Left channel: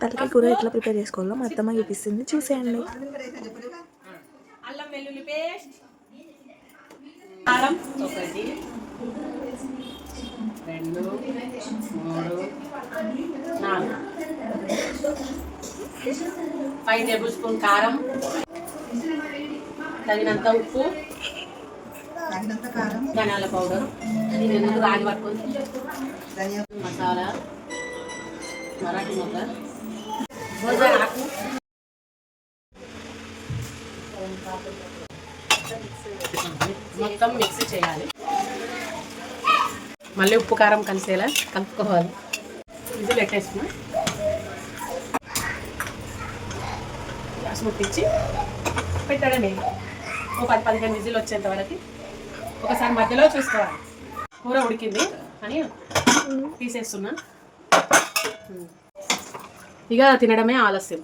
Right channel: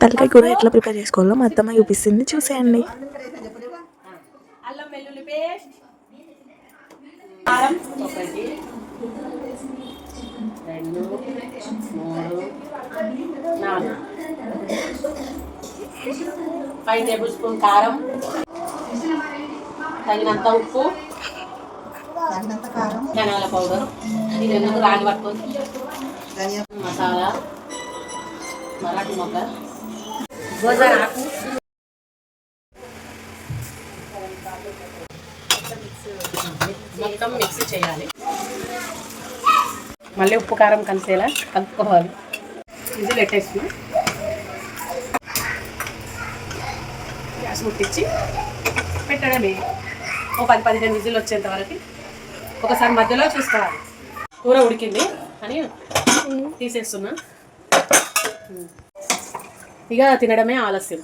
తలకాయ కూర ఎట్లా ప్రిపేర్ చేసుకోవాలో మా అత్తమ్మ చూపిస్తుంది, చూసేయండి. అల్లం వెల్లుల్లి పేస్ట్, కారం 1 2 3 4 5 టేబుల్ స్పూన్ కారం, తగినంత ఉప్పు, ధనియాల పౌడర్, ఇది ఎందుకు రాగి పట్టుకొని మసాలా, మరాఠీ మొగ్గ, గోజాకు, మొత్తం మిక్సీ చేయాలి. మళ్ళీ ఉప్పు కారం కలిసేలా కలుపుకోవాలి. ఇది పెట్టేసుకుని గ్యాస్ ముట్టించి పెట్టడమే. ఓ 10-15 విజిల్ వచ్చేంత వరకు ఒకసారి మధ్యలో చూసుకోవాలి. కూర ఉడికింది అని తీసేస్తున్నా. ఇక తినడమే ఆలస్యం.